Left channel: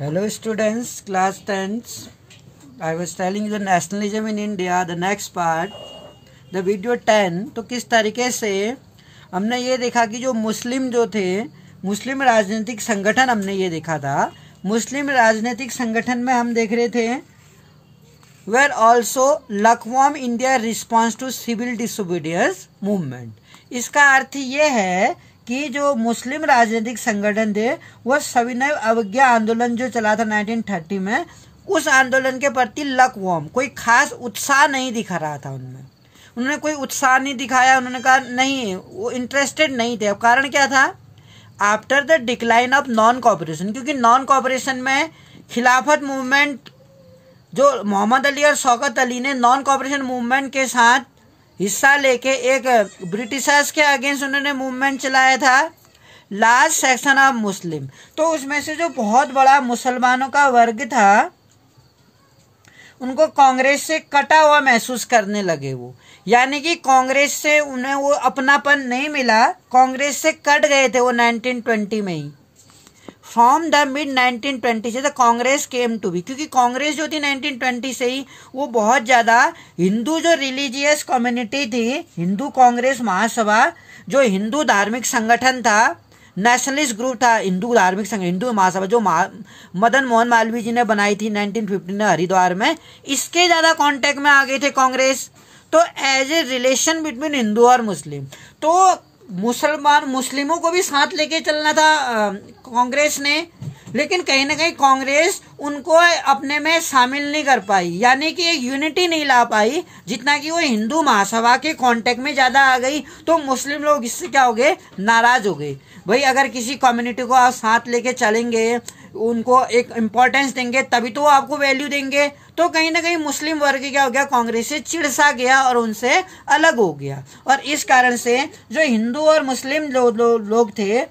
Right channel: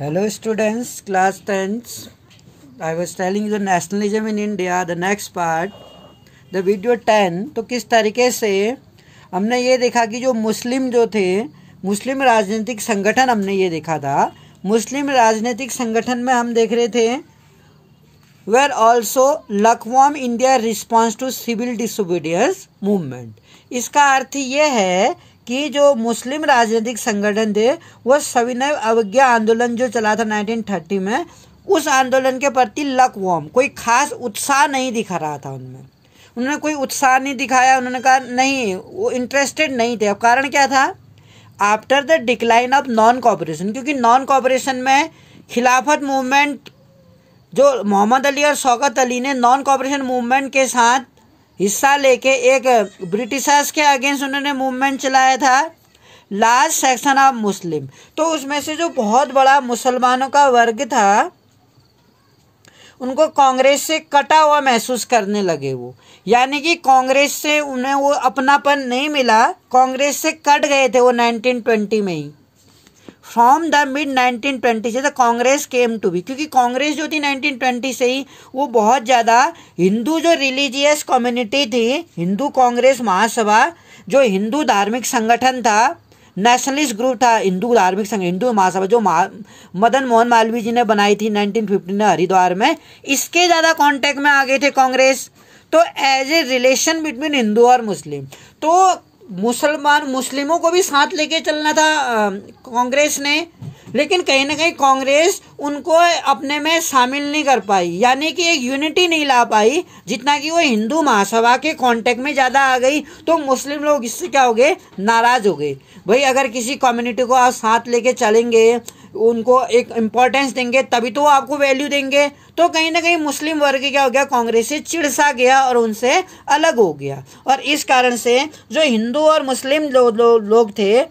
Hello students, class 10th. I was telling you the nationalism in India, the next part, the video 10. तो किस तरीके से हमने ये देखा कि जो मुस्लिम जो थे, मुस्लिम राजनीतिक संगठन हमने ये देखा था। मुस्लिम राजनीतिक संगठन में हम देख रहे थे were also lukewarm India response to civil disobedience movement. इसका अर्थ ये है कि जो मुस्लिम राजनीतिक संगठन थे वो सविनय अवज्ञा आंदोलन जो चला था 1930 में, उस आंदोलन के प्रति लकवॉर्म, कोई खास उत्साह नहीं दिखा रहा था उनमें। उन्होंने कोई उत्साह नहीं दिखाया, उन्होंने कहा नहीं, वो इंटरेस्टेड नहीं थे। अब कारण क्या था? After the decline of non cooperation, क्योंकि नॉन कॉपरेशन में खिलाफत मूवमेंट जो मोहम्मद अली और शौकत अली ने नॉन कॉपरेशन मूवमेंट के साथ हिस्सा लेके एक ब्रिटिशर्स के अगेंस्ट उन्होंने मूवमेंट चलाया था, लार्ज सेक्शन ऑफ मुस्लिम। तो उसमें से जो बहुत बड़ा मुसलमानों का वर्ग था उनको कांग्रेस से कटा हुआ महसूस करने लगे वो, यानी कि कांग्रेस से उन्हें वो अपनापन नहीं मिला, कांग्रेस से कट गए थे वो 1920 में ही। फ्रॉम द मिड 1920 से the Congress came to be, क्योंकि कांग्रेस जो थी 1920 से ही वो बहुत ज्यादा हिंदू जो रिलीजियस कम्युनिटी थी, हिंदू कांग्रेस महासभा जो हिंदू धार्मिक संगठन था, नेशनलिस्ट ग्रुप था, हिंदू धार्मिक संगठन, हिंदू महासभा जो मदन मोहन मालवीय जी ने बनाई थी 1915 में हरिद्वार में, इसके ज्यादा कांटेक्ट में आ गए थे कांग्रेस। तो as a relation between Hindu और मुस्लिम, तो मुस्लिमों को भी साथ लेके चलना था कांग्रेस ने, लेकिन कहीं ना कहीं कांग्रेस उनको अपने में शामिल नहीं कर पाई, यानी कि एक यूनिटी नहीं ला पाई। जितना कि वो हिंदू महासभा के कांटेक्ट में ज्यादा आ गई तो मुस्लिम लोग इससे क्या हो गए, नाराज हो गए। भाई अगर किसी कम्युनिटी को आप साथ लेके चलेंगे, उनको एक इम्पोर्टेंस देंगे, तभी तो वो आपको वैल्यू देंगे। तो कहीं ना कहीं मुस्लिम वर्ग क्या हो गया, कांग्रेस से चिढ़ गया और उनसे अलग हो गया। और इस कारण से जो हिंदू और मुस्लिम लोग थे,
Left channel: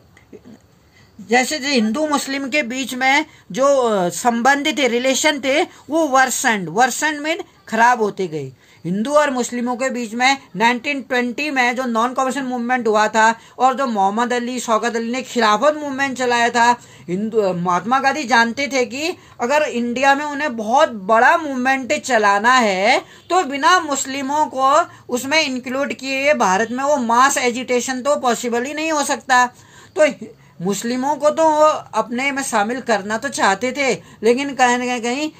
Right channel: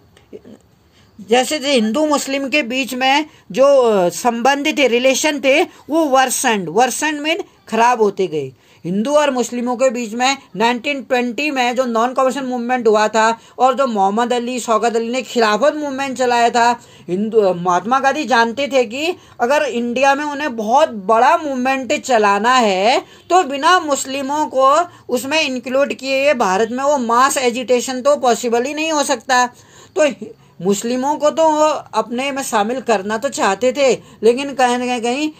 जैसे हिंदू मुस्लिम के बीच में जो संबंध थे, रिलेशन थे, वो वर्सन में खराब होते गए। हिंदू और मुस्लिमों के बीच में 1920 में जो नॉन कॉपरेशन मूवमेंट हुआ था और जो मोहम्मद अली शौकत अली ने खिलाफत मूवमेंट चलाया था, महात्मा गांधी जानते थे कि अगर इंडिया में उन्हें बहुत बड़ा मूवमेंट चलाना है तो बिना मुस्लिमों को उसमें इंक्लूड किए भारत में वो मास एजिटेशन तो पॉसिबल ही नहीं हो सकता। तो मुस्लिमों को तो अपने में शामिल करना तो चाहते थे, लेकिन कहीं ना कहीं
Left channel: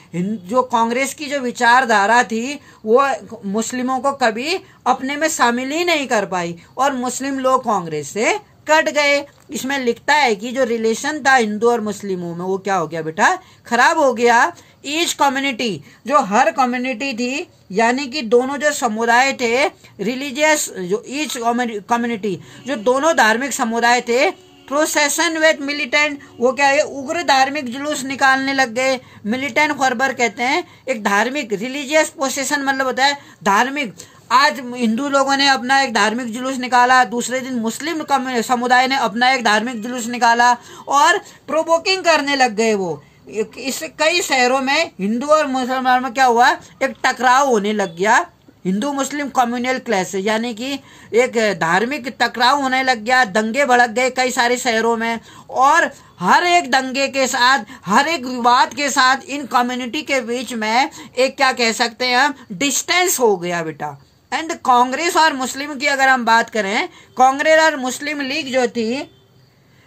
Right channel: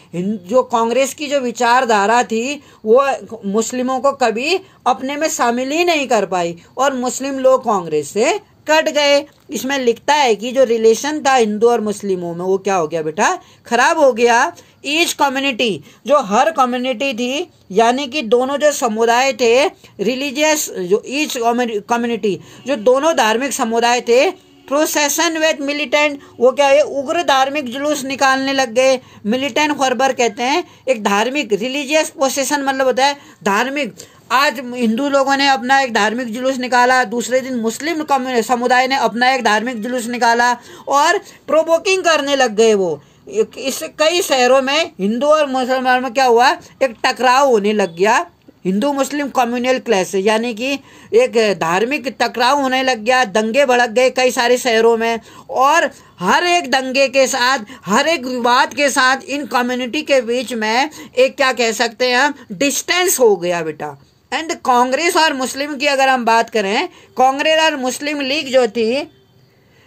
जो कांग्रेस की जो विचारधारा थी वो मुस्लिमों को कभी अपने में शामिल ही नहीं कर पाई और मुस्लिम लोग कांग्रेस से कट गए। इसमें लिखता है कि जो रिलेशन था हिंदू और मुस्लिमों में वो क्या हो गया बेटा, खराब हो गया। ईच कम्युनिटी, जो हर कम्युनिटी थी, यानी कि दोनों जो समुदाय थे रिलीजियस, जो ईच कम्युनिटी जो दोनों धार्मिक समुदाय थे, प्रोसेशन विद मिलिटेंट, वो क्या है, उग्र धार्मिक जुलूस निकालने लग गए। मिलिटेंट फर्बर कहते हैं एक धार्मिक, रिलीजियस प्रोसेशन मतलब होता है धार्मिक। आज हिंदू लोगों ने अपना एक धार्मिक जुलूस निकाला, दूसरे दिन मुस्लिम समुदाय ने अपना एक धार्मिक जुलूस निकाला और प्रोवोकिंग करने लग गए वो। इस कई शहरों में हिंदू और मुसलमान में क्या हुआ, एक टकराव होने लग गया, हिंदू मुस्लिम कम्युनल क्लैश, यानी कि एक धार्मिक टकराव होने लग गया, दंगे भड़क गए कई सारे शहरों में। और हर एक दंगे के साथ, हर एक विवाद के साथ इन कम्युनिटी के बीच में एक क्या कह सकते हैं हम, डिस्टेंस हो गया बेटा। एंड कांग्रेस और मुस्लिम की अगर हम बात करें, कांग्रेस और मुस्लिम लीग जो थी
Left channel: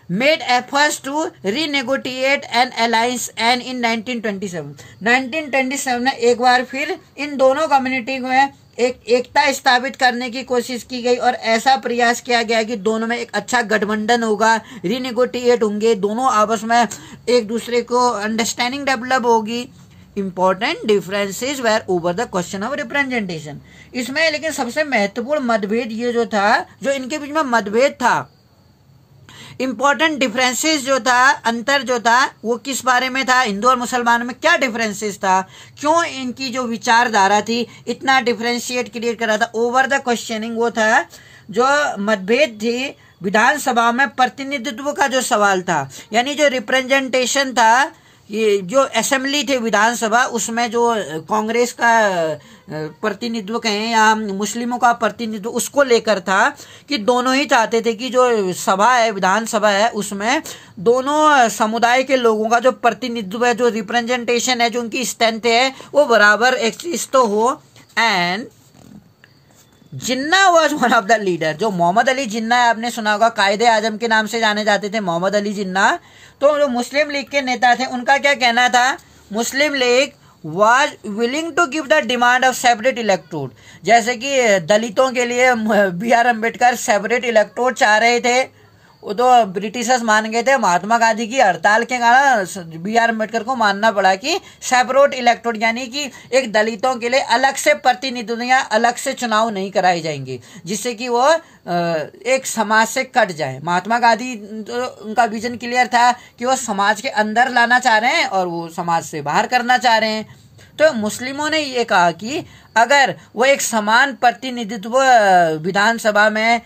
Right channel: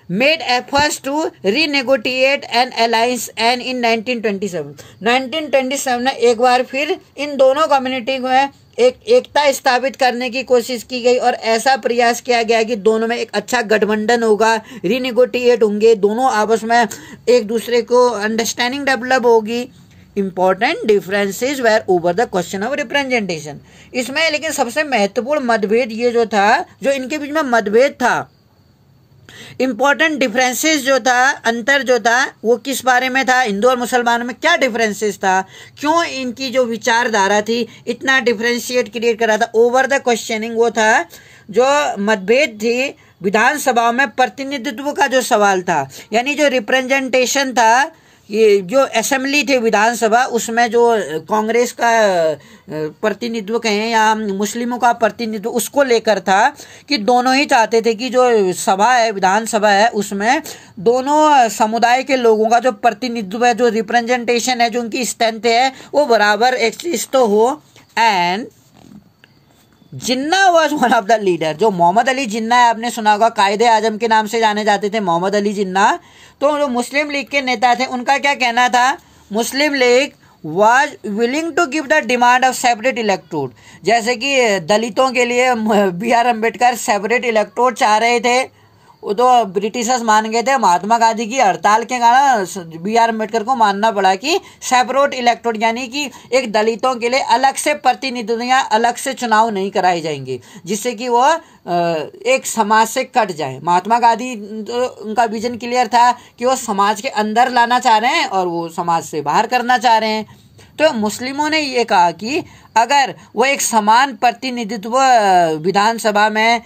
made efforts to renegotiate an alliance and in 1927 में एक बार फिर इन दोनों कम्युनिटी में एक एकता स्थापित करने की कोशिश की गई और ऐसा प्रयास किया गया कि दोनों में एक अच्छा गठबंधन होगा, रीनेगोटिएट होंगे, दोनों आपस में एक दूसरे को अंडरस्टैंडिंग डेवलप होगी। Important differences were over the question of representation. इसमें लेकिन सबसे महत्वपूर्ण मतभेद ये जो था, जो इनके बीच में मतभेद था, इंपॉर्टेंट डिफरेंसेस जो था, अंतर जो था, वो किस बारे में था, हिंदू और मुसलमानों में क्या डिफरेंसेस था, क्यों इनकी जो विचारधारा थी इतना डिफरेंशिएट क्रिएट कर रहा था। ओवर द क्वेश्चनिंग वो था जो मतभेद थी विधानसभा में प्रतिनिधित्व का जो सवाल था, यानी जो रिप्रेजेंटेशन था, ये जो असेंबली थे विधानसभा, उसमें जो कांग्रेस का प्रतिनिधित्व कहें या मुस्लिमों का प्रतिनिधित्व उसको लेकर था कि दोनों ही चाहते थे कि जो सभा है, विधानसभा है, उसमें दोनों समुदाय के लोगों का जो प्रतिनिधित्व है, जो रिप्रेजेंटेशन है, जो उनकी स्ट्रेंथ है, वो बराबर एग्जिस्ट तो हो। And Jinnah was one of the leader, जो मोहम्मद अली जिन्ना है, आपने सुना होगा, कायदे आजम के नाम से जाने जाते थे मोहम्मद अली जिन्ना। तो जो मुस्लिम लीग के नेता थे, उनका क्या कहना था, Muslim League was willing to give the demand of separate electorate, जैसे कि दलितों के लिए BR अम्बेडकर सेपरेट इलेक्टोड चाह रहे थे, वो तो ब्रिटिशर्स मान गए थे। महात्मा गांधी की हड़ताल के कारण BR अम्बेडकर को मानना पड़ा कि सेपरेट इलेक्टोड, यानी कि एक दलितों के लिए अलग से प्रतिनिधित्व या अलग से चुनाव नहीं कराए जाएंगे, जिससे कि वो एक समाज से कट जाए। महात्मा गांधी तो उनका विजन क्लियर था कि वो समाज के अंदर लाना चाह रहे हैं और वो समाज से बाहर करना चाह रहे हैं। तो मुस्लिमों ने ये कहा कि अगर वो एक समान प्रतिनिधित्व विधानसभा में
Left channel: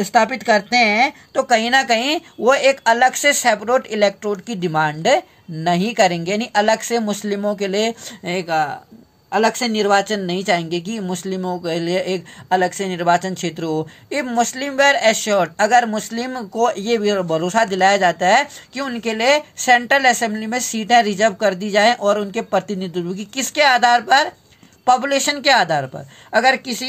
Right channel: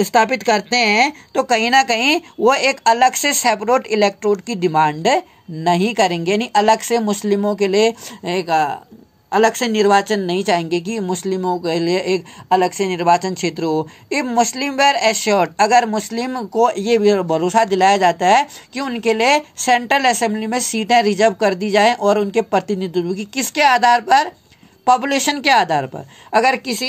स्थापित करते हैं तो कहीं ना कहीं वो एक अलग से सेपरेट इलेक्टोरेट की डिमांड नहीं करेंगे, यानी अलग से मुस्लिमों के लिए एक अलग से निर्वाचन नहीं चाहेंगे कि मुस्लिमों के लिए एक अलग से निर्वाचन क्षेत्र हो। इफ मुस्लिम वेर एश्योर्ड, अगर मुस्लिम को ये भरोसा दिलाया जाता है कि उनके लिए सेंट्रल असेंबली में सीटें रिजर्व कर दी जाए और उनके प्रतिनिधित्व की किसके आधार पर, पॉपुलेशन के आधार पर। अगर किसी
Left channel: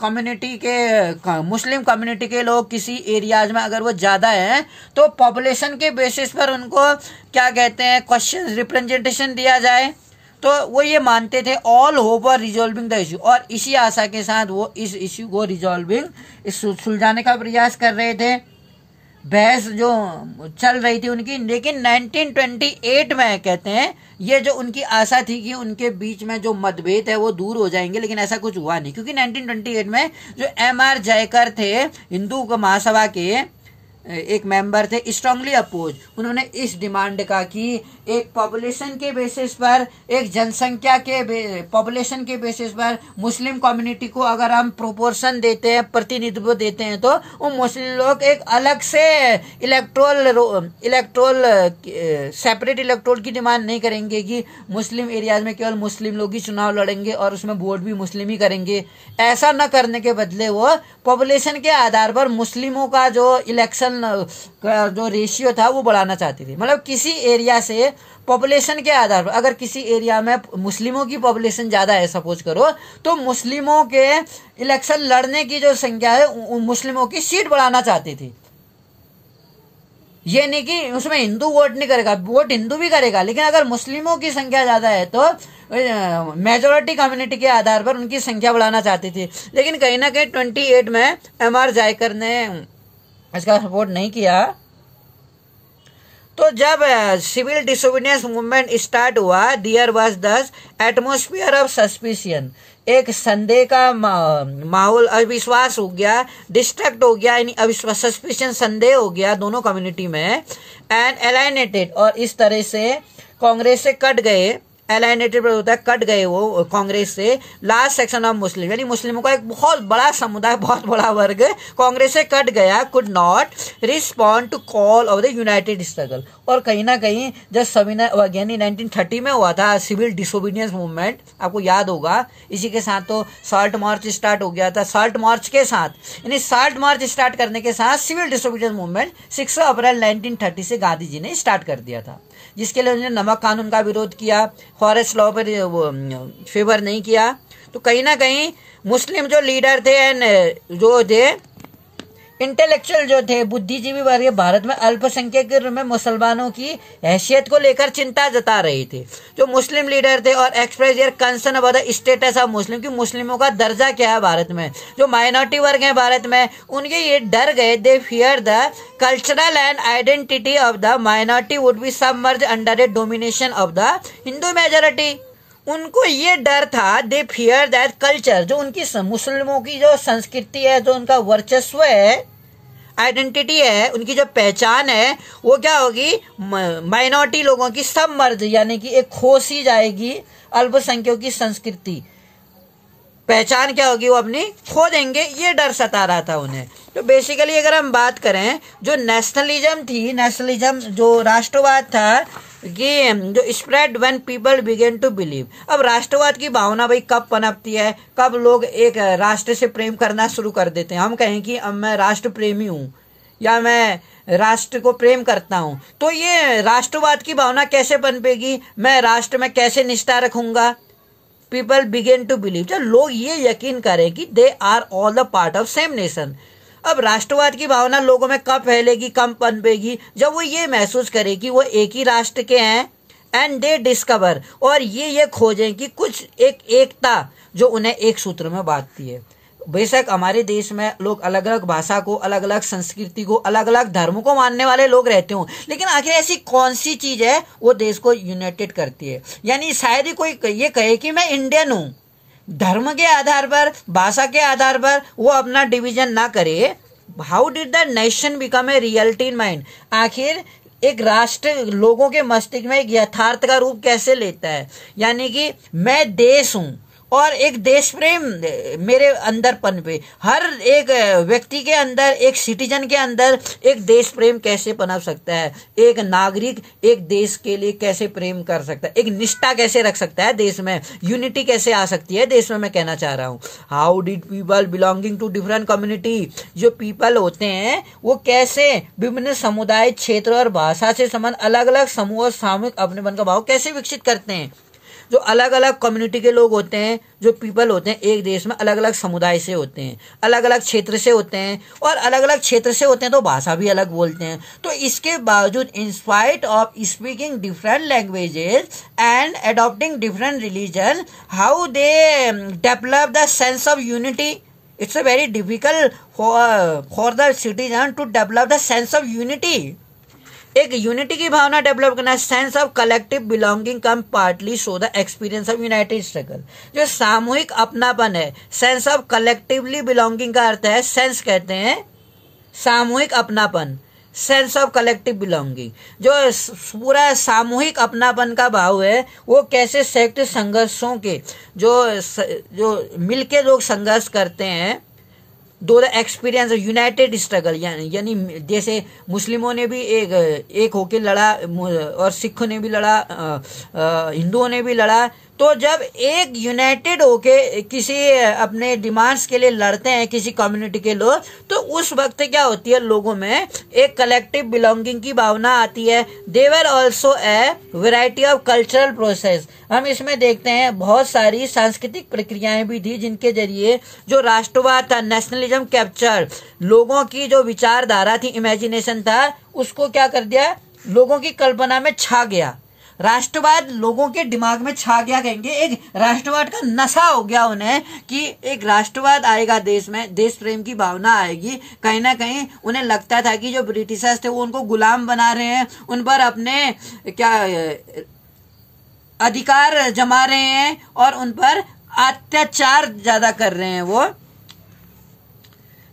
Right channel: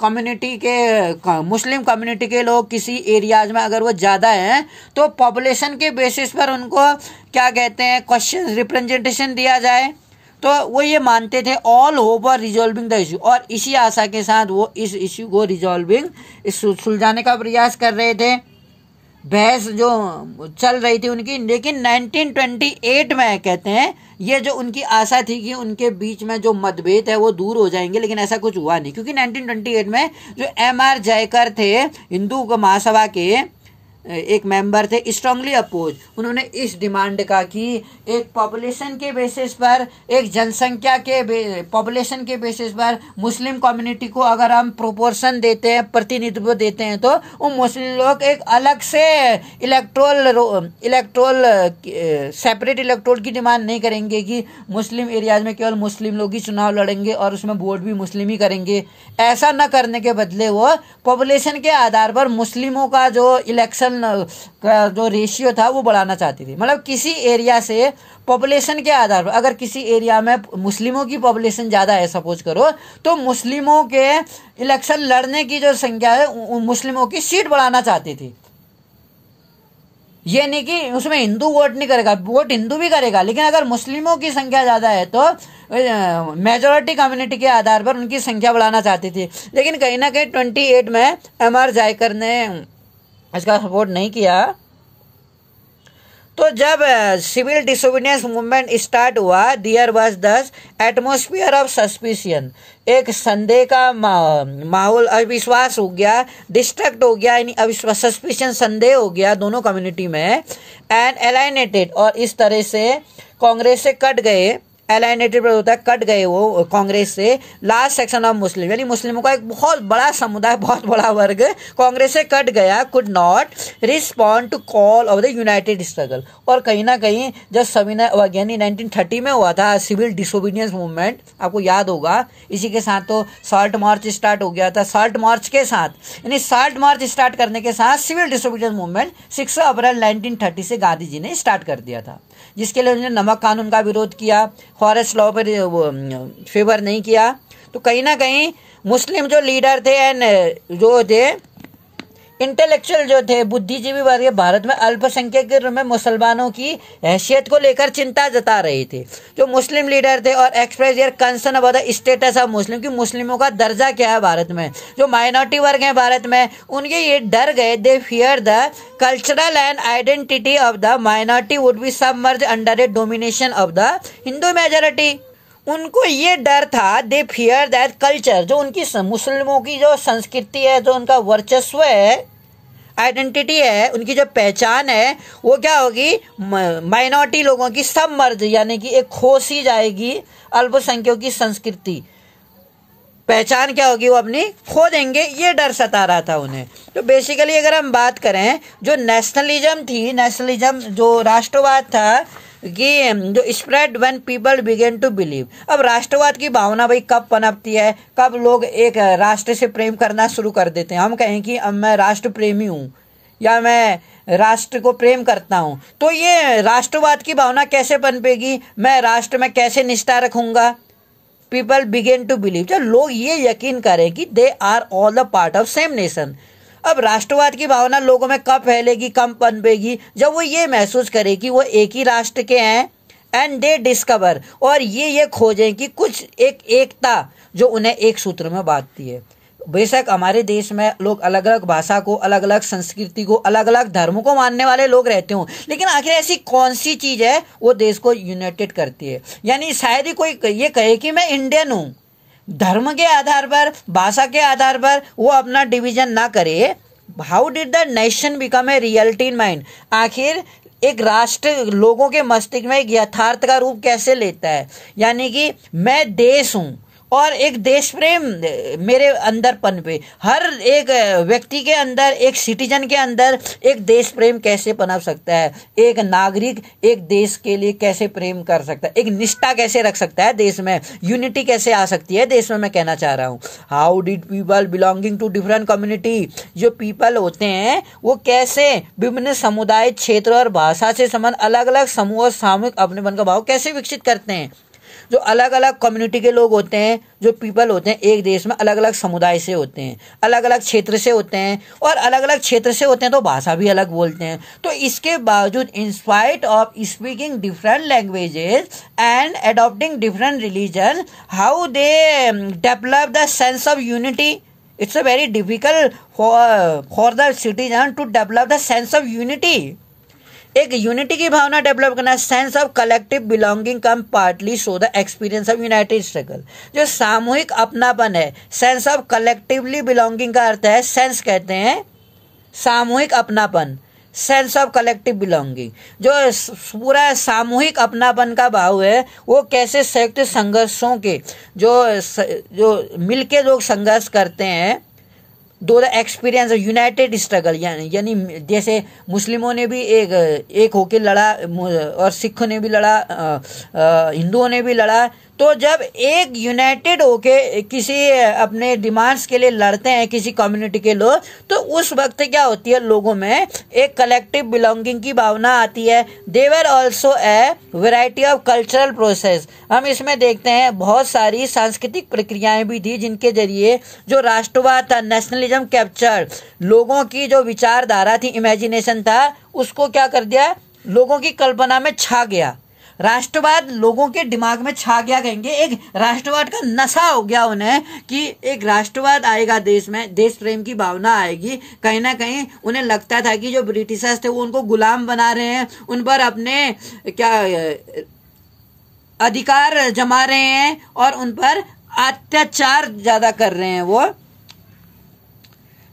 कम्युनिटी के, मुस्लिम कम्युनिटी के लोग किसी एरियाज में अगर वो ज्यादा हैं तो पॉपुलेशन के बेसिस पर उनको क्या कहते हैं, क्वेश्चन रिप्रेजेंटेशन दिया जाए। तो वो ये मानते थे ऑल होप और रिजॉल्विंग द इश्यू, और इसी आशा के साथ वो इस इश्यू को रिजॉल्विंग, सुलझाने का प्रयास कर रहे थे। बहस जो चल रही थी उनकी, लेकिन 1928 में कहते हैं ये जो उनकी आशा थी कि उनके बीच में जो मतभेद है वो दूर हो जाएंगे, लेकिन ऐसा कुछ हुआ नहीं, क्योंकि 1928 में जो MR जयकर थे, हिंदू महासभा के एक मेंबर थे, स्ट्रांगली अपोज, उन्होंने इस डिमांड का कि एक पॉपुलेशन के बेसिस पर, एक जनसंख्या के पॉपुलेशन के बेसिस पर मुस्लिम कम्युनिटी को अगर हम प्रोपोर्शन देते हैं, प्रतिनिधित्व देते हैं, तो वो मुस्लिम लोग एक अलग से इलेक्टोरल सेपरेट इलेक्टोरल की डिमांड नहीं करेंगे कि मुस्लिम एरियाज में केवल मुस्लिम लोग ही चुनाव लड़ेंगे और उसमें वोट भी मुस्लिम ही करेंगे। ऐसा न करने के बदले वो पॉपुलेशन के आधार पर मुस्लिमों का जो इलेक्शन का जो रेशियो था वो बढ़ाना चाहती थी। मतलब किसी एरिया से पॉपुलेशन के आधार पर, अगर किसी एरिया में मुस्लिमों की पॉपुलेशन ज्यादा है सपोज करो, तो मुस्लिमों के इलेक्शन लड़ने की जो संख्या है, मुस्लिमों की सीट बढ़ाना चाहती थी। ये नहीं कि उसमें हिंदू वोट नहीं करेगा, वोट हिंदू भी करेगा, लेकिन अगर मुस्लिमों की संख्या ज्यादा है तो मेजोरिटी कम्युनिटी के आधार पर उनकी संख्या बढ़ाना चाहती थी। लेकिन कहीं ना कहीं 28 में MR जयकर ने इसका सपोर्ट नहीं किया। तो जब सिविल डिसोबीडियंस मूवमेंट स्टार्ट हुआ, देयर वाज दस एटमॉस्फेयर ऑफ सस्पिशन, एक संदेह का माहौल, अविश्वास हो गया, डिस्ट्रक्ट हो गया, यानी अविश्वास, सस्पिशन, संदेह हो गया दोनों कम्युनिटी में। एंड एलाइनेटेड, और इस तरह से कांग्रेस से कट गए, एलाइनेटेड होता है कट गए वो कांग्रेस से, लास्ट सेक्शन ऑफ मुस्लिम, यानी मुस्लिमों का एक बहुत बड़ा समुदाय, बहुत बड़ा वर्ग कांग्रेस से कट गया, could not respond to call of the united struggle. और कहीं ना कहीं जब सविनय, यानी 1930 में हुआ था सिविल डिसोबीडियंस मूवमेंट, आपको याद होगा, इसी के साथ तो साल्ट मार्च स्टार्ट हो गया था। साल्ट मार्च के साथ, यानी साल्ट मार्च स्टार्ट करने के साथ सिविल डिसोबीडियंस मूवमेंट 6 अप्रैल 1930 से गांधी जी ने स्टार्ट कर दिया था, जिसके लिए उन्होंने नमक कानून का विरोध किया, फॉरेस्ट लॉ पर फेवर नहीं किया। तो कहीं ना कहीं मुस्लिम जो लीडर थे एंड जो थे इंटेलेक्चुअल जो थे, बुद्धिजीवी वर्ग भारत में अल्पसंख्यक के रूप में मुसलमानों की हैसियत को लेकर चिंता जता रहे थे, जो मुस्लिम लीडर थे, और express their concern about the status of Muslim, कि मुस्लिमों का दर्जा क्या है भारत में, जो माइनॉरिटी वर्ग है भारत में, उनके ये डर गए, दे fear the cultural and identity of the minority would be submerge under A domination of the Hindu majority. उनको ये डर था, दे फियर दैट कल्चर, जो उनकी मुस्लिमों की जो संस्कृति है, जो उनका वर्चस्व है, आइडेंटिटी है, उनकी जो पहचान है, वो क्या होगी, माइनॉरिटी लोगों की सब मर्ज, यानी कि एक खोस ही जाएगी, अल्पसंख्यकों की संस्कृति पहचान क्या होगी, वो अपनी खो देंगे, ये डर सता रहा था उन्हें। तो बेसिकली अगर हम बात करें, जो नेशनलिज्म थी, नेशनलिज्म जो राष्ट्रवाद था, कि जो spread when people began to believe. अब राष्ट्रवाद की भावना भाई कब पनपती है, कब लोग एक राष्ट्र से प्रेम करना शुरू कर देते हैं। हम कहें कि अब मैं राष्ट्र प्रेमी हूं या मैं राष्ट्र को प्रेम करता हूं, तो ये राष्ट्रवाद की भावना कैसे पनपेगी, मैं राष्ट्र में कैसे निष्ठा रखूंगा। पीपल बिगेन टू बिलीव, जब लोग ये यकीन करें कि they are all the part of same nation. अब राष्ट्रवाद की भावना लोगों में कब फैलेगी, कब पनपेगी, जब वो ये महसूस करे कि वो एक ही राष्ट्र के हैं। एंड दे डिस्कवर, और ये खोजें कि कुछ एकता जो उन्हें एक सूत्र में बांधती है। बेशक हमारे देश में लोग अलग अलग भाषा को, अलग अलग संस्कृति को, अलग अलग धर्मों को मानने वाले लोग रहते हो, लेकिन आखिर ऐसी कौन सी चीज है वो देश को यूनाइटेड करती है। यानी शायद ही कोई ये कहे कि मैं इंडियन हूं, धर्म के आधार पर, भाषा के आधार पर वो अपना डिवीजन ना करे। How did the nation become a reality in mind, आखिर एक राष्ट्र लोगों के मस्तिष्क में एक यथार्थ का रूप कैसे लेता है। यानी कि मैं देश हूं और एक देश प्रेम मेरे अंदर पनपे। हर एक व्यक्ति के अंदर, एक सिटीजन के अंदर एक देश प्रेम कैसे पनप सकता है, एक नागरिक एक देश के लिए कैसे प्रेम कर सकता है, एक निष्ठा कैसे रख सकता है देश में, यूनिटी कैसे आ सकती है देश में, मैं कहना चाह रहा हूँ। How did people belonging to different community, जो पीपल होते हैं वो कैसे विभिन्न समुदाय, क्षेत्र और भाषा से संबंध अलग अलग समूह और सामूहिक अपनेपन का भाव कैसे विकसित करते हैं। जो अलग अलग कम्युनिटी के लोग होते हैं, जो पीपल होते हैं, एक देश में अलग अलग समुदाय से होते हैं, अलग अलग क्षेत्र से होते हैं, और अलग अलग क्षेत्र से होते हैं तो भाषा भी अलग बोलते हैं। तो इसके बावजूद in spite of speaking different languages and adopting different religion, how they develop the sense of unity. It's a very difficult for the citizen to develop the sense of unity. एक यूनिटी की भावना develop करना, sense of collective belonging come partly so the experience of united struggle. जो सामूहिक अपनापन है, sense of collectively belonging का अर्थ है, सेंस कहते हैं सामूहिक अपनापन, सेंस ऑफ कलेक्टिव बिलोंगिंग, जो पूरा सामूहिक अपनापन का भाव है, वो कैसे संयुक्त संघर्षों के जो मिलके लोग संघर्ष करते हैं, दो द एक्सपीरियंस यूनाइटेड स्ट्रगल। यानी जैसे मुस्लिमों ने भी एक होके लड़ा और सिखों ने भी लड़ा, हिंदुओं ने भी लड़ा। तो जब एक यूनाइटेड होके किसी अपने डिमांड्स के लिए लड़ते हैं किसी कम्युनिटी के लोग, तो उस वक्त क्या होती है, लोगों में एक कलेक्टिव बिलोंगिंग की भावना आती है। There were also a variety of cultural process. हम इसमें देखते हैं बहुत सारी सांस्कृतिक प्रक्रियाएं भी थी जिनके जरिए जो राष्ट्रवाद था, नेशनलिज्म कैप्चर, लोगों की जो विचारधारा थी, इमेजिनेशन था, उसको क्या कर दिया, लोगों की कल्पना में छा गया। राष्ट्रवाद लोगों के दिमाग में छा गया, कहेंगे एक राष्ट्रवाद का नशा हो गया उन्हें कि एक राष्ट्रवाद आएगा देश में, देश प्रेम की भावना आएगी। कहीं ना कहीं उन्हें लगता था कि जो ब्रिटिशर्स थे वो उनको गुलाम बना रहे हैं, उन पर अपने क्या अधिकार जमा रहे हैं और उन पर अत्याचार ज्यादा कर रहे हैं। वो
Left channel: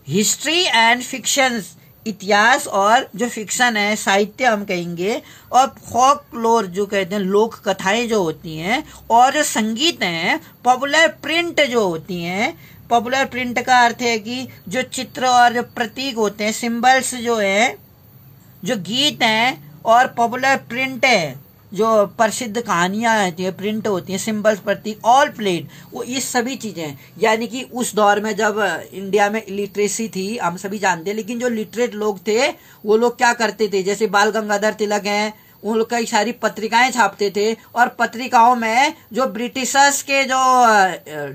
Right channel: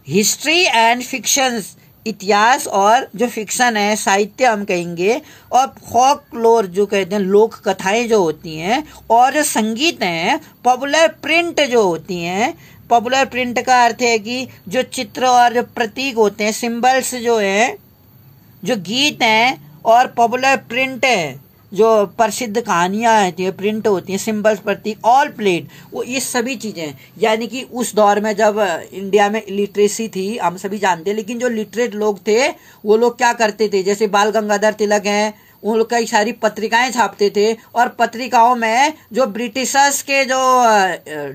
हिस्ट्री एंड फिक्शंस, इतिहास और जो फिक्शन है, साहित्य हम कहेंगे, और फोकलोर जो कहते हैं, लोक कथाएं जो होती हैं, और जो संगीत हैं, पॉपुलर प्रिंट जो होती हैं। पॉपुलर प्रिंट का अर्थ है कि जो चित्र और जो प्रतीक होते हैं, सिंबल्स जो है, जो गीत हैं, और पॉपुलर प्रिंट है, जो प्रसिद्ध कहानियां होती है, प्रिंट होती है, सिंबल्स, प्रतीक, ऑल प्लेड, वो ये सभी चीजें। यानी कि उस दौर में जब इंडिया में लिटरेसी थी, हम सभी जानते हैं, लेकिन जो लिटरेट लोग थे वो लोग क्या करते थे, जैसे बाल गंगाधर तिलक हैं, उन लोग कई सारी पत्रिकाएं छापते थे, और पत्रिकाओं में जो ब्रिटिशर्स के जो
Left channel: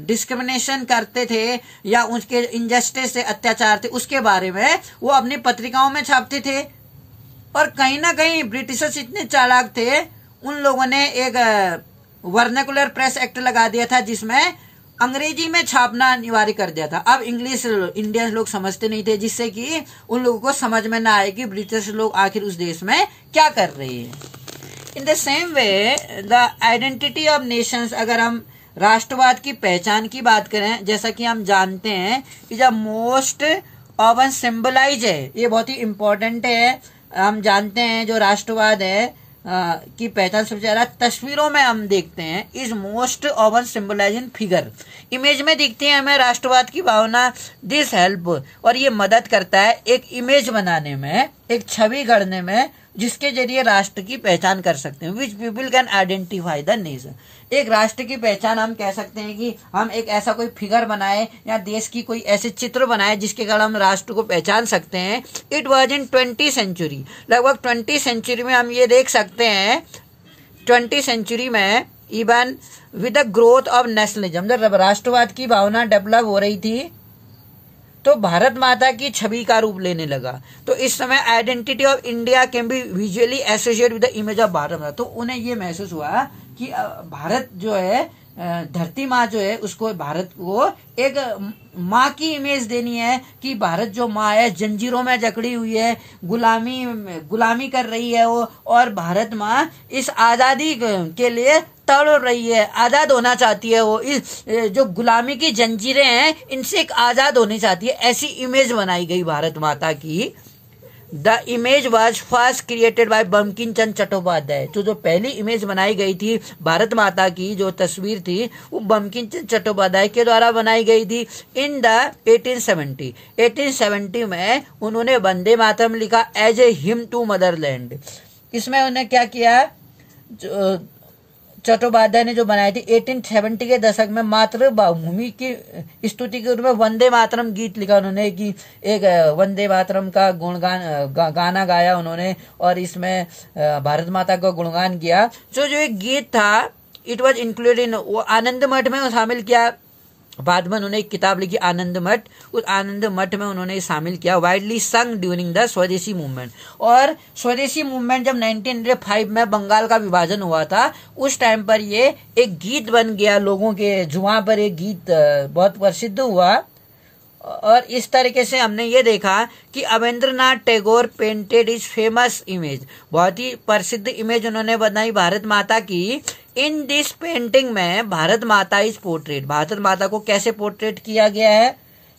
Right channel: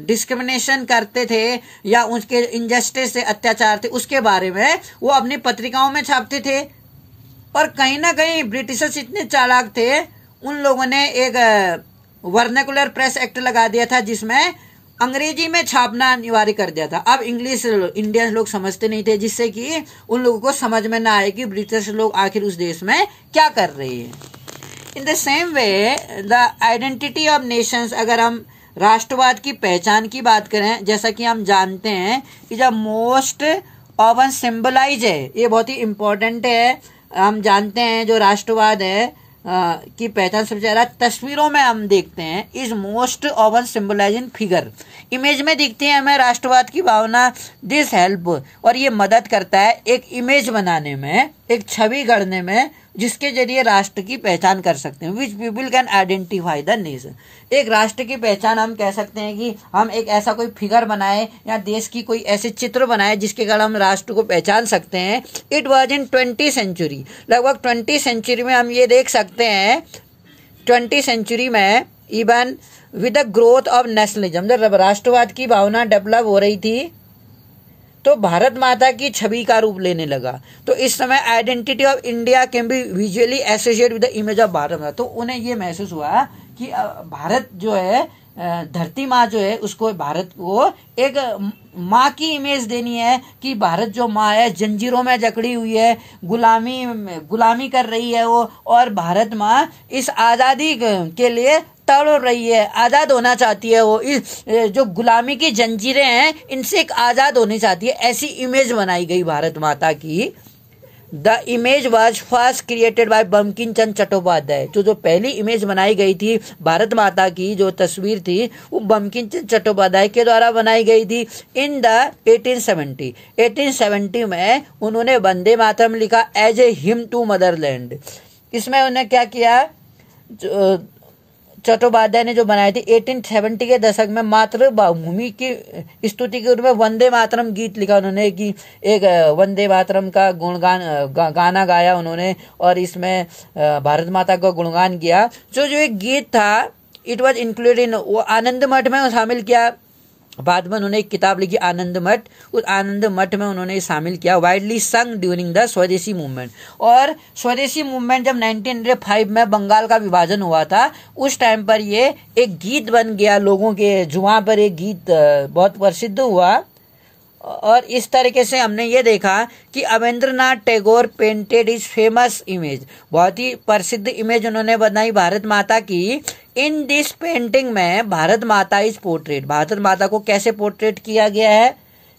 डिस्क्रिमिनेशन करते थे या उसके इनजस्टिस से अत्याचार थे उसके बारे में वो अपनी पत्रिकाओं में छापते थे। और कहीं ना कहीं ब्रिटिशर्स इतने चालाक थे, उन लोगों ने एक वर्नाकुलर प्रेस एक्ट लगा दिया था जिसमें अंग्रेजी में छापना अनिवार्य कर दिया था। अब इंग्लिश इंडियन लोग समझते नहीं थे, जिससे कि उन लोगों को समझ में ना आए कि ब्रिटिश लोग आखिर उस देश में क्या कर रहे हैं। In the same way the identity of Nations, अगर हम राष्ट्रवाद की पहचान की बात करें, जैसा कि हम जानते हैं कि जब मोस्ट ऑफन सिंबलाइज है, ये बहुत ही इंपॉर्टेंट है। हम जानते हैं जो राष्ट्रवाद है की पहचान सबसे ज्यादा तस्वीरों में हम देखते हैं, is most often symbolise in figure, image में दिखती है हमें राष्ट्रवाद की भावना। दिस हेल्प, और ये मदद करता है एक इमेज बनाने में, एक छवि गढ़ने में, जिसके जरिए राष्ट्र की पहचान कर सकते हैं, which people can identify the nation. एक राष्ट्र की पहचान हम कह सकते हैं कि हम एक ऐसा कोई फिगर बनाए या देश की कोई ऐसे चित्र बनाए जिसके कारण हम राष्ट्र को पहचान सकते हैं। It was in 20th century, लगभग 20th सेंचुरी में हम ये देख सकते हैं, 20th सेंचुरी में even with the growth of nationalism, जब राष्ट्रवाद की भावना डेवलप हो रही थी तो भारत माता की छवि का रूप लेने लगा। तो इस समय identity of India can be visually associate with the image of Bharat माता। तो उन्हें ये महसूस हुआ कि भारत जो है, धरती माँ जो है, उसको भारत को एक माँ की इमेज देनी है कि भारत जो माँ है जंजीरों में जकड़ी हुई है, गुलामी कर रही है वो, और भारत माँ इस आजादी के लिए तड़ रही है, आजाद होना चाहती है वो, इस जो गुलामी की जंजीरें हैं इनसे एक आजाद होनी चाहती है, ऐसी इमेज बनाई गई भारत माता की। The image was first created by Bankim Chandra Chattopadhyay. जो पहली इमेज बनाई गई थी भारत माता की, जो तस्वीर थी वो बंकिम चंद्र चट्टोपाध्याय के द्वारा बनाई गई थी इन द 1870 में उन्होंने वंदे मातरम लिखा as a hymn to motherland. इसमें उन्हें क्या किया, चट्टोपाध्याय ने जो बनाई थी 1870 के दशक में मातृभूमि की स्तुति के रूप में वंदे मातरम गीत लिखा उन्होंने, कि एक वंदे मातरम का गुणगान गाना गाया उन्होंने और इसमें भारत माता का गुणगान किया। जो एक गीत था इट वाज इंक्लूडेड इन, वो आनंद मठ में शामिल किया। बाद में उन्होंने एक किताब लिखी आनंद मठ, उस आनंद मठ में उन्होंने शामिल किया, वाइडली संग ड्यूरिंग द स्वदेशी मूवमेंट। और स्वदेशी मूवमेंट जब 1905 में बंगाल का विभाजन हुआ था उस टाइम पर ये एक गीत बन गया, लोगों के जुबान पर एक गीत बहुत प्रसिद्ध हुआ। और इस तरीके से हमने ये देखा कि Abanindranath Tagore painted is famous image, बहुत ही प्रसिद्ध इमेज उन्होंने बनाई भारत माता की। इन दिस पेंटिंग में भारत माता इज पोर्ट्रेट, भारत माता को कैसे पोर्ट्रेट किया गया है,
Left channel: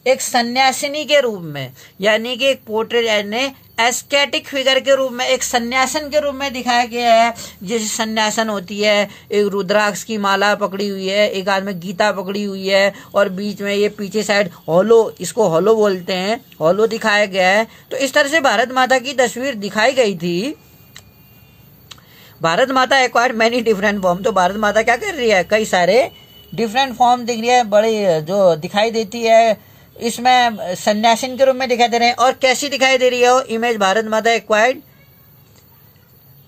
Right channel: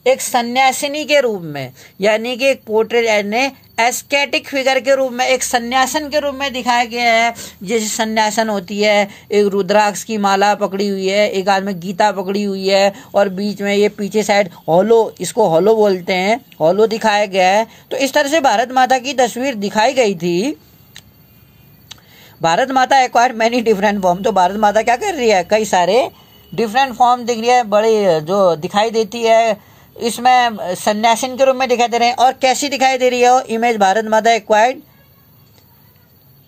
एक सन्यासिनी के रूप में, यानी कि एक पोर्ट्रेट यानी एस्केटिक फिगर के रूप में, एक सन्यासन के रूप में दिखाया गया है। जैसे सन्यासन होती है, एक रुद्राक्ष की माला पकड़ी हुई है, एक हाथ में गीता पकड़ी हुई है और बीच में ये पीछे साइड हॉलो, इसको हॉलो बोलते हैं, हॉलो दिखाया गया है। तो इस तरह से भारत माता की तस्वीर दिखाई गई थी। भारत माता एक्वायर्ड मैनी डिफरेंट फॉर्म, तो भारत माता क्या कर रही है, कई सारे डिफरेंट फॉर्म दिख रही है, बड़ी जो दिखाई देती है। इसमें सन्यासिन के रूप में दिखाई दे रहे हैं। और कैसी दिखाई दे रही है वो इमेज भारत माता acquired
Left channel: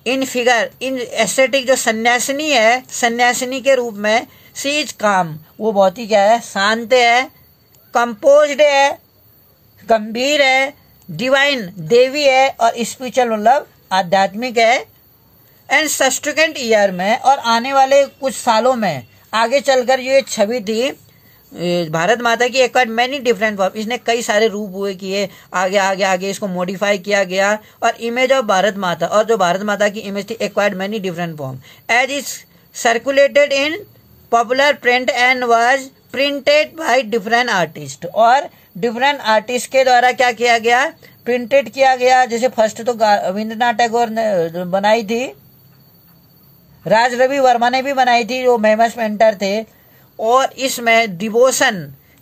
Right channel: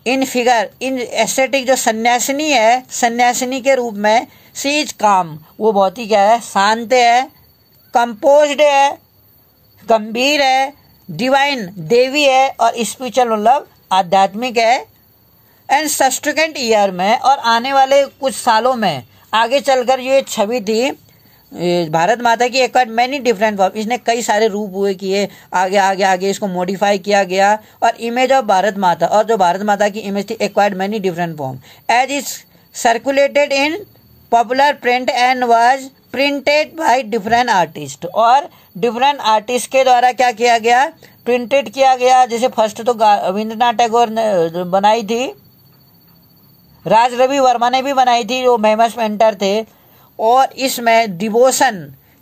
in figure in aesthetic, जो सन्यासिनी है, सन्यासिनी के रूप में। सी इज काम, वो बहुत ही क्या है, शांत है, कंपोज्ड है, गंभीर है, डिवाइन देवी है और स्पिरिचुअल मतलब आध्यात्मिक है। एंड सब्सिक्वेंट ईयर में और आने वाले कुछ सालों में आगे चलकर ये छवि थी भारत माता की एक्वायर्ड मैनी डिफरेंट फॉर्म, इसने कई सारे रूप हुए किए, आगे आगे आगे इसको मॉडिफाई किया गया। और इमेज ऑफ भारत माता, और जो भारत माता की इमेज थी acquired many different form as is circulated in popular print and was printed by different artist, और डिफरेंट आर्टिस्ट के द्वारा क्या किया गया, प्रिंटेड किया गया। जैसे फर्स्ट तो रविंद्रनाथ टैगोर ने बनाई थी, राज रवि वर्मा ने भी बनाई थी, जो फेमस पेंटर थे। और इसमें डिवोशन,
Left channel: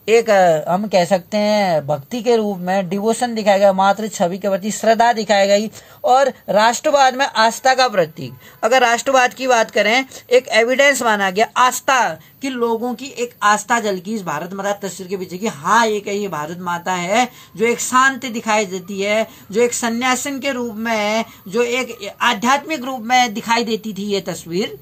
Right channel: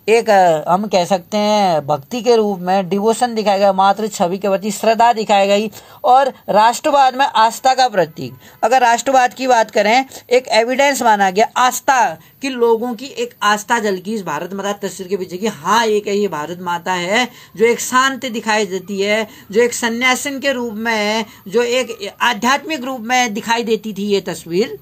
एक हम कह सकते हैं भक्ति के रूप में डिवोशन दिखाया गया, मातृ छवि के प्रति श्रद्धा दिखाई गई। और राष्ट्रवाद में आस्था का प्रतीक, अगर राष्ट्रवाद की बात करें, एक एविडेंस माना गया आस्था कि लोगों की एक आस्था झलकी इस भारत माता तस्वीर के पीछे कि हाँ ये भारत माता है जो एक शांत दिखाई देती है, जो एक सन्यासिन के रूप में है, जो एक आध्यात्मिक रूप में दिखाई देती थी ये तस्वीर।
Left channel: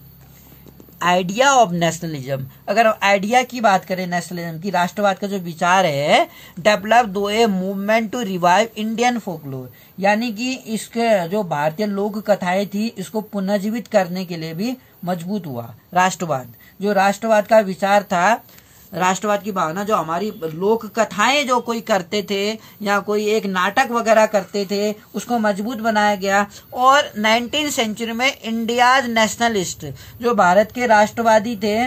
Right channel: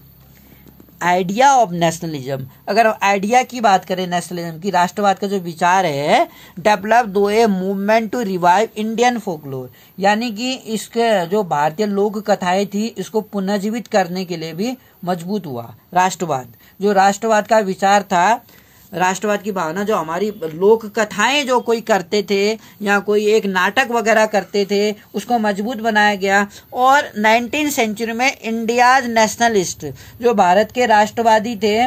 आइडिया ऑफ नेशनलिज्म, अगर आइडिया की बात करें नेशनलिज्म की, राष्ट्रवाद का जो विचार है, डेवलप दो a movement to revive Indian folklore, यानी कि इसके जो भारतीय लोक कथाएं थी इसको पुनर्जीवित करने के लिए भी मजबूत हुआ राष्ट्रवाद। जो राष्ट्रवाद का विचार था, राष्ट्रवाद की भावना, जो हमारी लोक कथाएं जो कोई करते थे या कोई एक नाटक वगैरह करते थे, उसको मजबूत बनाया गया। और 19th सेंचुरी में इंडियाज नेशनलिस्ट, जो भारत के राष्ट्रवादी थे,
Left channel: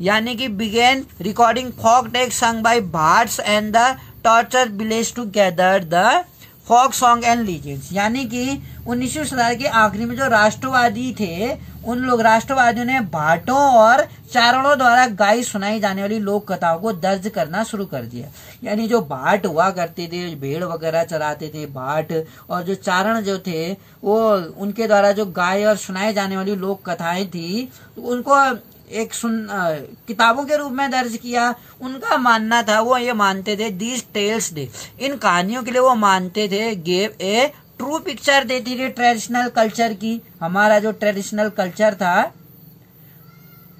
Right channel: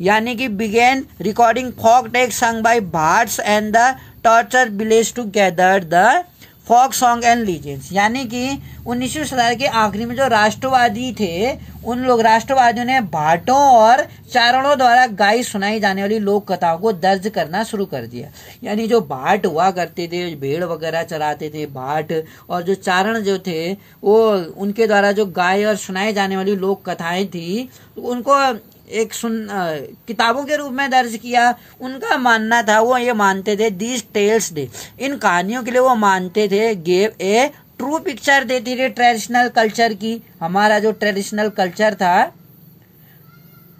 यानी कि began recording folk take sung by bards and the torture village to gather the folk song and legends, यानी कि 19वीं शताब्दी के आखिरी में जो राष्ट्रवादी थे उन लोग राष्ट्रवादियों ने भाटों और चारणों द्वारा गाई सुनाई जाने वाली लोक कथाओं को दर्ज करना शुरू कर दिया। यानी जो भाट हुआ करते थे, भेड़ वगैरह चराते थे भाट, और जो चारण जो थे वो उनके द्वारा जो गाय और सुनाई जाने वाली लोक कथाएं थी उनको एक किताबों के रूप में दर्ज किया। उनका मानना था, वो ये मानते थे दीज टेल्स डे, इन कहानियों के लिए वो मानते थे गेव ए ट्रू पिक्चर देती थी ट्रेडिशनल कल्चर की। हमारा जो ट्रेडिशनल कल्चर था,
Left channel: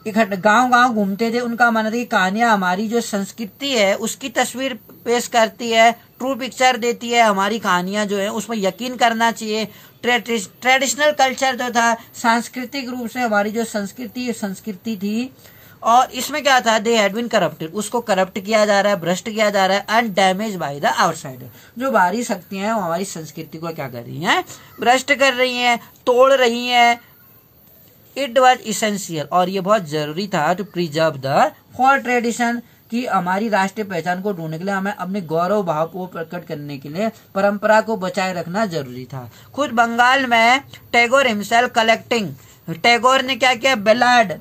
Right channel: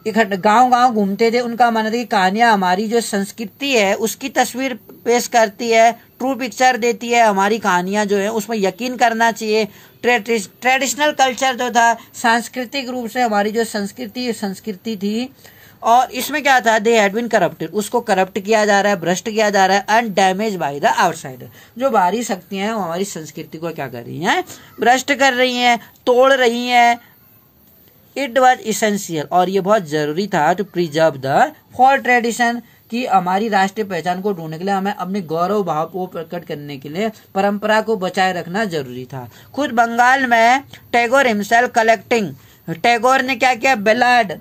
इकट्ठे गांव गांव घूमते थे, उनका मानना था कि कहानियां हमारी जो संस्कृति है उसकी तस्वीर पेश करती है, ट्रू पिक्चर देती है। हमारी कहानियां जो है उसमें यकीन करना चाहिए। ट्रेडिशनल कल्चर जो था, सांस्कृतिक रूप से हमारी जो संस्कृति थी, और इसमें क्या था, दे हैड बीन करप्टेड, उसको करप्ट किया जा रहा है, भ्रष्ट किया जा रहा है, and damage by the outsider. जो बाहरी शक्तियां हैं वो हमारी संस्कृति को क्या कर रही हैं, भ्रष्ट कर रही हैं, तोड़ रही हैं। इट वॉज इसेंशियल, और ये बहुत जरूरी था, to preserve the for tradition, कि हमारी राष्ट्रीय पहचान को ढूंढने के लिए हमें अपने गौरव भाव को प्रकट करने के लिए परंपरा को बचाए रखना जरूरी था। खुद बंगाल में टैगोर हिमसेल्फ कलेक्टिंग, टैगोर ने क्या किया, बेलाड,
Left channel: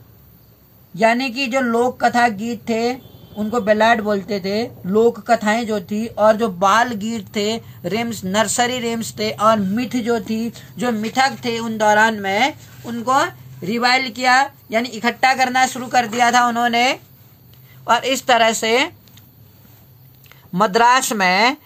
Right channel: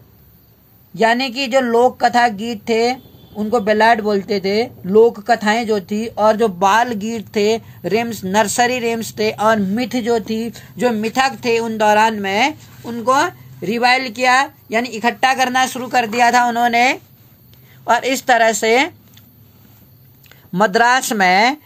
यानी कि जो लोक कथा गीत थे उनको बेलाड बोलते थे, लोक कथाएं जो थी, और जो बाल गीत थे, रेम्स, नर्सरी रेम्स थे, और मिथ जो थी, जो मिथक थे उन दौरान में उनको रिवाइल किया, यानी इकट्ठा करना शुरू कर दिया था उन्होंने। और इस तरह से मद्रास में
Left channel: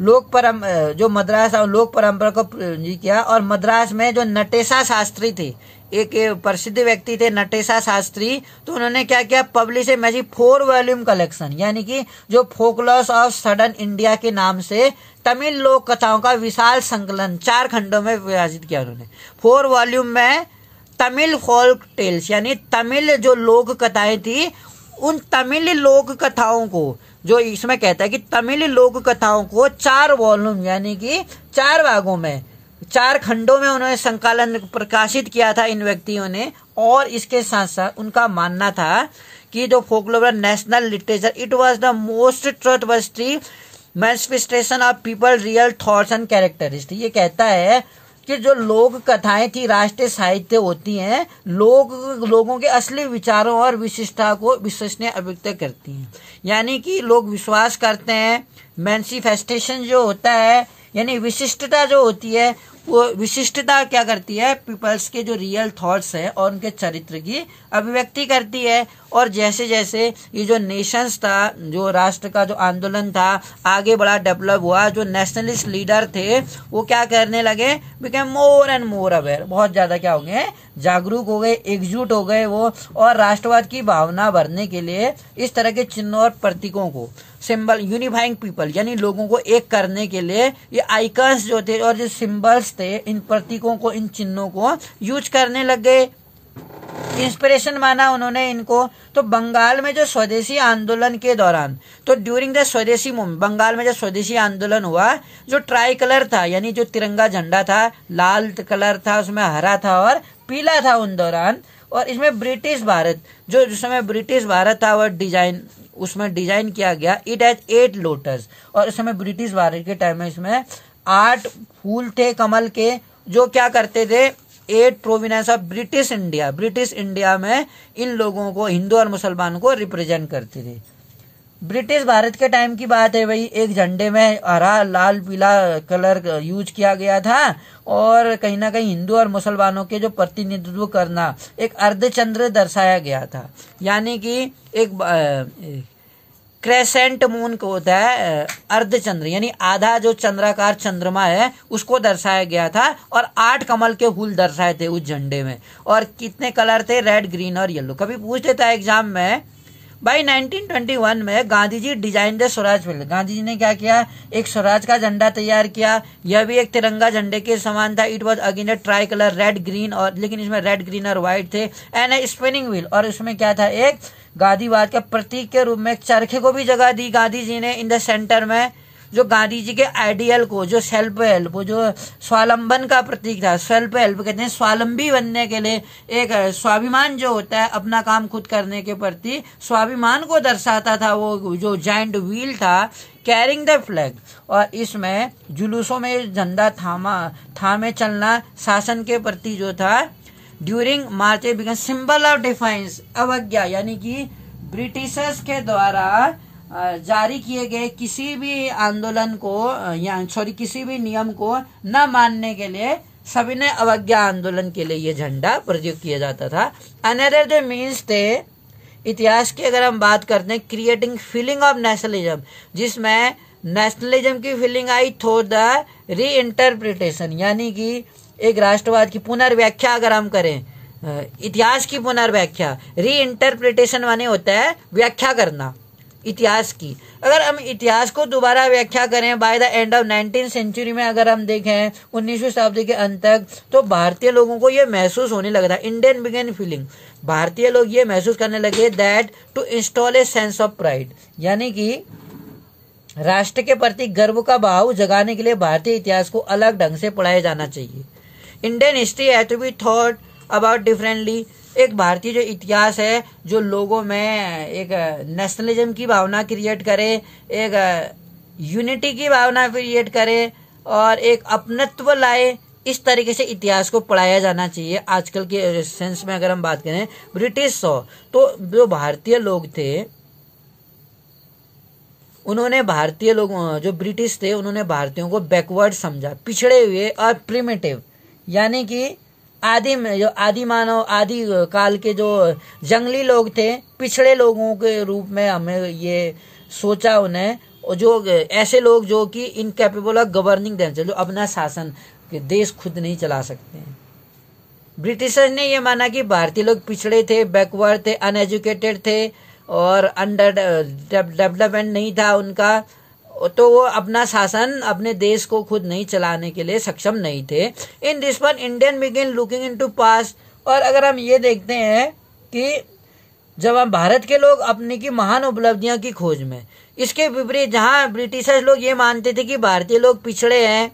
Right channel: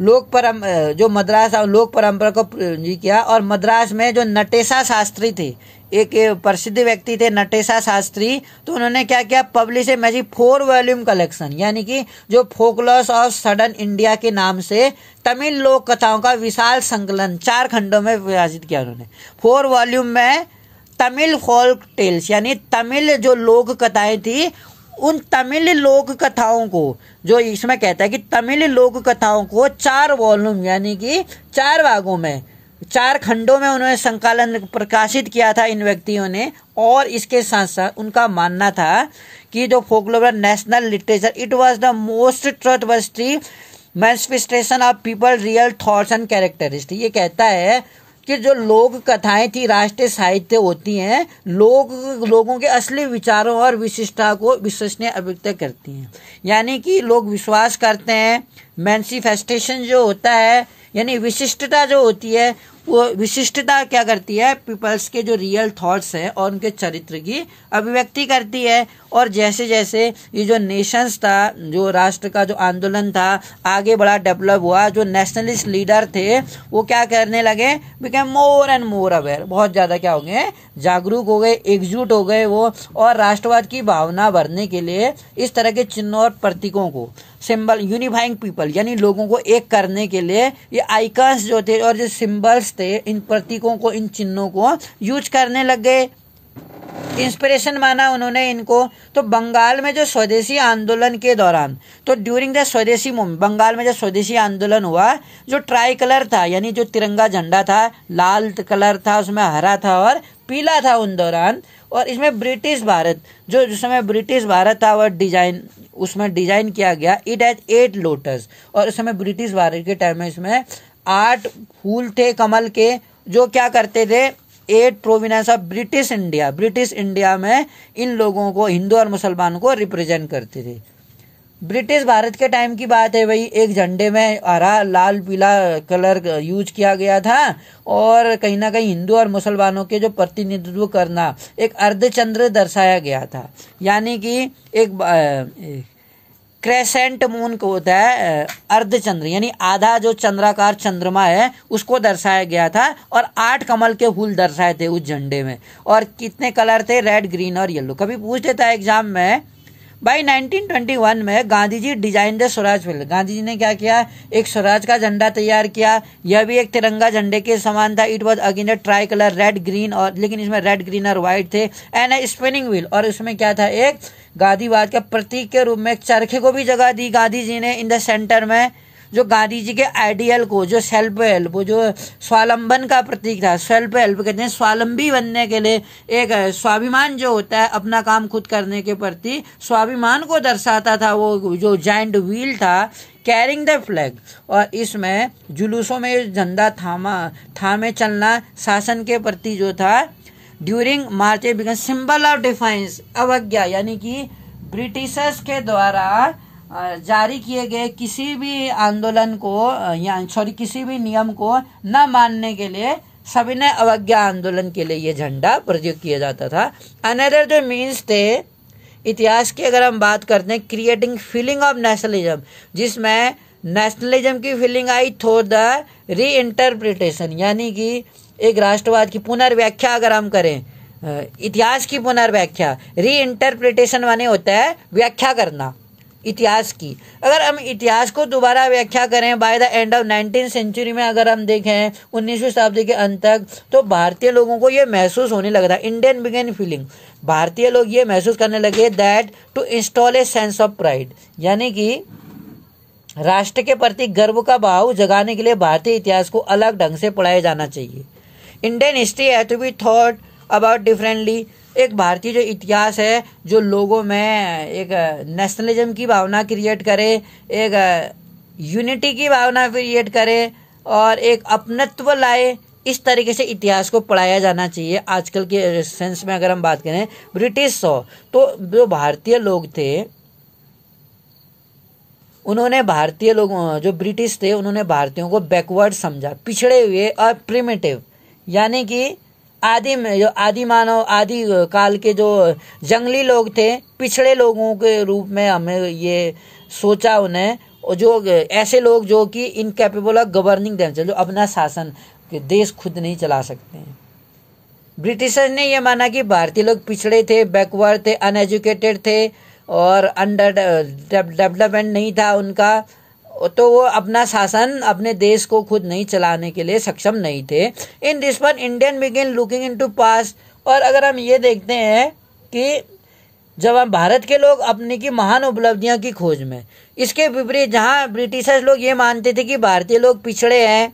जो मद्रास और लोक परंपरा को किया। और मद्रास में जो नटेशा शास्त्री थे, एक प्रसिद्ध व्यक्ति थे नटेशा शास्त्री, तो उन्होंने क्या किया, publish a magic 4 volume collection, यानी कि जो फोकलॉर्स ऑफ सडन इंडिया के नाम से तमिल लोक कथाओं का विशाल संकलन 4 खंडों में विभाजित किया उन्होंने। 4 वॉल्यूम में तमिल फोल्क टेल्स, यानी तमिल जो लोक कथाएं थी, उन तमिल लोक कथाओं को, जो इसमें कहता है कि तमिल लोक कथाओं को 4 वॉल्यूम यानी कि 4 भागों में, 4 खंडों में उन्होंने संकलन प्रकाशित किया था इन व्यक्तियों ने। और इसके साथ साथ उनका मानना था कि जो folklore national literature, it was the most trustworthy manifestation of people real thoughts and characteristic. ये कहता है कि जो लोक कथाएं थी, राष्ट्रीय साहित्य होती हैं, लोगों के असली विचारों और विशिष्टता को विश्वसनीय अभिव्यक्त करती हैं। यानी कि लोग विश्वास करते हैं, मैनिफेस्टेशन जो होता है, यानी विशिष्टता जो होती है, वो विशिष्टता क्या करती है, पीपल्स के जो रियल थॉट्स है और उनके चरित्र की अभिव्यक्ति करती है। और जैसे जैसे ये जो नेशंस था, जो राष्ट्र का जो आंदोलन था आगे बड़ा डेवलप हुआ, जो नेशनलिस्ट लीडर थे वो क्या करने लगे, become more and more aware, बहुत ज्यादा क्या हो गए, जागरूक हो गए, एकजुट हो गए वो, और राष्ट्रवाद की भावना भरने के लिए इस तरह के चिन्हों और प्रतीकों को, सिंबल, यूनिफाइंग पीपल, यानी लोगों को एक करने के लिए ये आइकन्स जो थे और जो सिंबल्स थे, इन प्रतीकों को, इन चिन्हों को यूज करने लग गए। इंस्पिरेशन माना उन्होंने इनको। तो बंगाल में जो स्वदेशी आंदोलन के दौरान, तो ड्यूरिंग द स्वदेशी मूवमेंट, बंगाल में जो स्वदेशी आंदोलन हुआ, जो ट्राई कलर था, यानी जो तिरंगा झंडा था, लाल कलर था, उसमें हरा था और पीला था उन दौरान। और इसमें ब्रिटिश भारत, जो जिस समय ब्रिटिश भारत था वह डिजाइन, उसमें डिजाइन किया गया, इट हैज 8 लोटस। और उस समय ब्रिटिश भारत के टाइम में इसमें 8 फूल थे कमल के, जो क्या करते थे, 8 provenance of British India, British India में इन लोगों को, हिंदू और मुसलमानों को रिप्रेजेंट करते थे। ब्रिटिश भारत के टाइम की बात है भाई, एक झंडे में हरा, लाल, पीला कलर यूज किया गया था, और कहीं ना कहीं हिंदू और मुसलमानों के जो प्रतिनिधित्व करना, एक अर्धचंद्र दर्शाया गया था, यानी कि एक क्रेसेंट मून को होता है, अर्धचंद्र, यानी आधा जो चंद्राकार चंद्रमा है उसको दर्शाया गया था, और 8 कमल के फूल दर्शाए थे उस झंडे में। और कितने कलर थे, रेड, ग्रीन और येलो। कभी पूछ देता है एग्जाम में, भाई 1921 में Gandhi ji design the swaraj flag, Gandhi ji ने क्या किया, एक स्वराज का झंडा तैयार किया, यह भी एक तिरंगा झंडे के समान था। It was again A try colour, red, green, और लेकिन इसमें रेड, ग्रीन और व्हाइट थे, एंड ए स्पिनिंग व्हील। और इसमें क्या था, एक गांधीवाद के प्रतीक के रूप में एक चरखे को भी जगह दी गांधी जी ने इन द सेंटर में, जो गांधी जी के आइडियल को, जो सेल्फ हेल्प, वो जो स्वावलंबन का प्रतीक था, सेल्फ हेल्प कहते हैं, स्वावलंबी बनने के लिए एक स्वाभिमान जो होता है, अपना काम खुद करने के प्रति स्वाभिमान को दर्शाता था, वो जो जायंट व्हील था, कैरिंग द फ्लैग, और इसमें जुलूसों में झंडा थामे चलना शासन के प्रति जो था during March become symbol of defines, अवज्ञा, यानी कि ब्रिटिशर्स के द्वारा जारी किए गए किसी भी आंदोलन को किसी भी नियम को न मानने के लिए सविनय अवज्ञा आंदोलन के लिए ये झंडा प्रयोग किया जाता था। अनदर जो मीन्स थे इतिहास की, अगर हम बात करते हैं, क्रिएटिंग फीलिंग ऑफ नेशनलिज्म, जिसमें नेशनलिज्म की फीलिंग आई थ्रू द री इंटरप्रिटेशन, यानी कि एक राष्ट्रवाद की पुनर्व्याख्या अगर हम करें, इतिहास की पुनर्व्याख्या, री इंटरप्रिटेशन माने होता है व्याख्या करना इतिहास की। अगर हम इतिहास को दोबारा व्याख्या करें by the end of 19th century में, अगर हम देखें 19वीं शताब्दी के अंत तक, तो भारतीय लोगों को ये महसूस होने लगा था, इंडियन बिगेन फीलिंग, भारतीय लोग ये महसूस करने लगे that to install a sense of pride, यानी कि राष्ट्र के प्रति गर्व का भाव जगाने के लिए भारतीय इतिहास को अलग ढंग से पढ़ाया जाना चाहिए। Indian history has to be thought about differently, एक भारतीय जो इतिहास है जो लोगों में एक नेशनलिज्म की भावना क्रिएट करे, एक यूनिटी की भावना क्रिएट करे और एक अपनत्व लाए, इस तरीके से इतिहास को पढ़ाया जाना चाहिए। आजकल के सेंस में अगर हम बात करें, ब्रिटिश तो जो भारतीय लोग थे उन्होंने भारतीय लोग जो ब्रिटिश थे उन्होंने भारतीयों को बैकवर्ड समझा, पिछड़े हुए और प्रिमिटिव, यानी कि आदि मानव आदि काल के जो जंगली लोग थे, पिछड़े लोगों के रूप में हमें ये सोचा उन्हें, और जो ऐसे लोग जो कि इनकैपेबल ऑफ गवर्निंग देमसेल्फ, जो अपना शासन देश खुद नहीं चला सकते हैं। ब्रिटिशर्स ने यह माना कि भारतीय लोग पिछड़े थे, बैकवर्ड थे, अनएजुकेटेड थे और अंडर डेवलपमेंट नहीं था उनका, तो वो अपना शासन अपने देश को खुद नहीं चलाने के लिए सक्षम नहीं थे। In this one Indian begin looking into past, और अगर हम ये देखते हैं कि जब हम भारत के लोग अपने की महान उपलब्धियों की खोज में, इसके विपरीत जहां ब्रिटिशर्स लोग ये मानते थे कि भारतीय लोग पिछड़े हैं,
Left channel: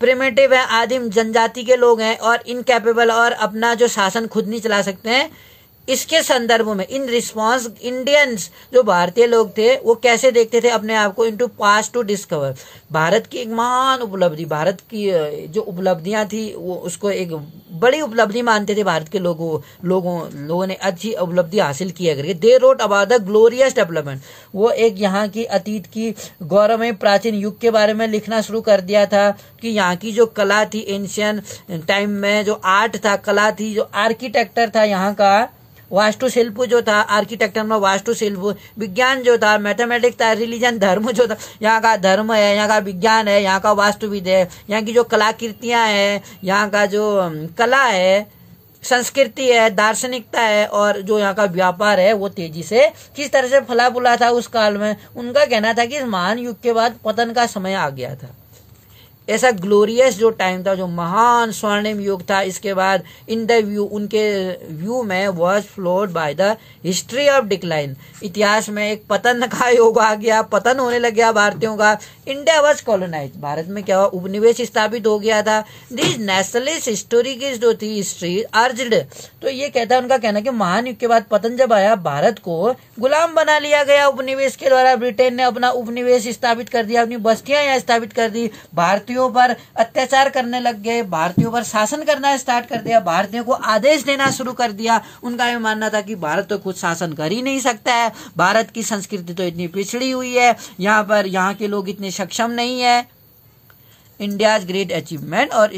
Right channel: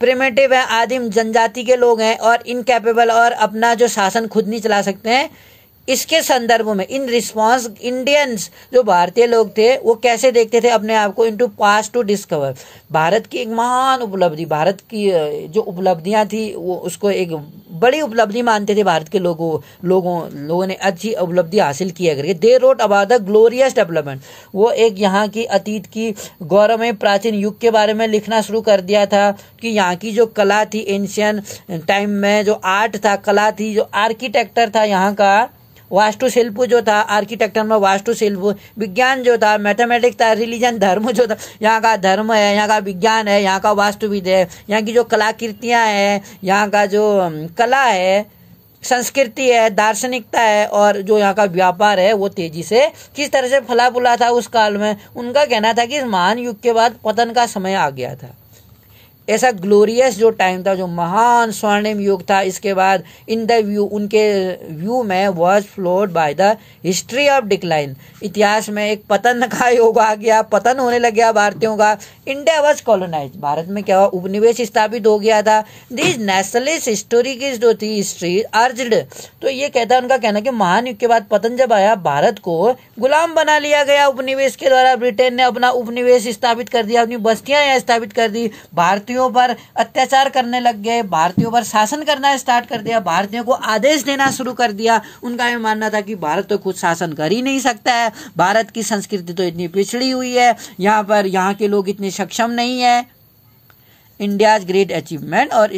प्रिमिटिव है, आदिम जनजाति के लोग हैं और इनकैपेबल और अपना जो शासन खुद नहीं चला सकते हैं, इसके संदर्भ में इन रिस्पॉन्स इंडियंस जो भारतीय लोग थे वो कैसे देखते थे अपने आप को, into past to discover, Bharat की एक महान उपलब्धि, भारत की जो उपलब्धियां थी वो उसको एक बड़ी उपलब्धि मानते थे भारत के लोगों ने अच्छी उपलब्धि हासिल किया करके। They wrote about the glorious development, वो एक यहाँ की अतीत की गौरवमय प्राचीन युग के बारे में लिखना शुरू कर दिया था कि यहाँ की जो कला थी एंशियंट टाइम में, जो आर्ट था, कला थी, जो आर्किटेक्चर था, यहाँ का वास्तुशिल्प जो था, आर्किटेक्चर में वास्तुशिल्प, विज्ञान जो था, मैथमेटिक्स था, रिलीजन धर्म जो था, यहाँ का धर्म है, यहाँ का विज्ञान है, यहाँ का वास्तुविद है, यहाँ की जो कलाकृतियां हैं, यहाँ का जो कला है, संस्कृति है, दार्शनिकता है और जो यहाँ का व्यापार है वो तेजी से किस तरह से फला फूला था उस काल में। उनका कहना था कि इस महान युग के बाद पतन का समय आ गया था। ऐसा ग्लोरियस जो टाइम था, जो महान स्वर्णिम युग था, इसके बाद इन द व्यू, उनके व्यू में was flowed by the history of decline, इतिहास में एक पतन का योग आ गया, पतन होने लग गया भारतीयों का। इंडिया वॉज कॉलोनाइज, भारत में क्या हुआ, उपनिवेश स्थापित हो गया था। दिस नेशनलिस्ट हिस्टोरी की जो थी हिस्ट्री अर्ज्ड, तो ये कहता है, उनका कहना कि महान युग के बाद पतन जब आया, भारत को गुलाम बना लिया गया उपनिवेश के द्वारा। ब्रिटेन ने अपना उपनिवेश स्थापित कर दिया, अपनी बस्तियां यहाँ स्थापित कर दी, भारतीयों पर अत्याचार करने लग गए, भारतीयों पर शासन करना स्टार्ट कर दिया, भारतीयों को आदेश देना शुरू कर दिया। उनका यह मानना था कि भारत तो खुद शासन कर ही नहीं सकता है, भारत की संस्कृति तो इतनी पिछड़ी हुई है, यहाँ के लोग इतने सक्षम नहीं है। इंडियाज ग्रेट अचीवमेंट और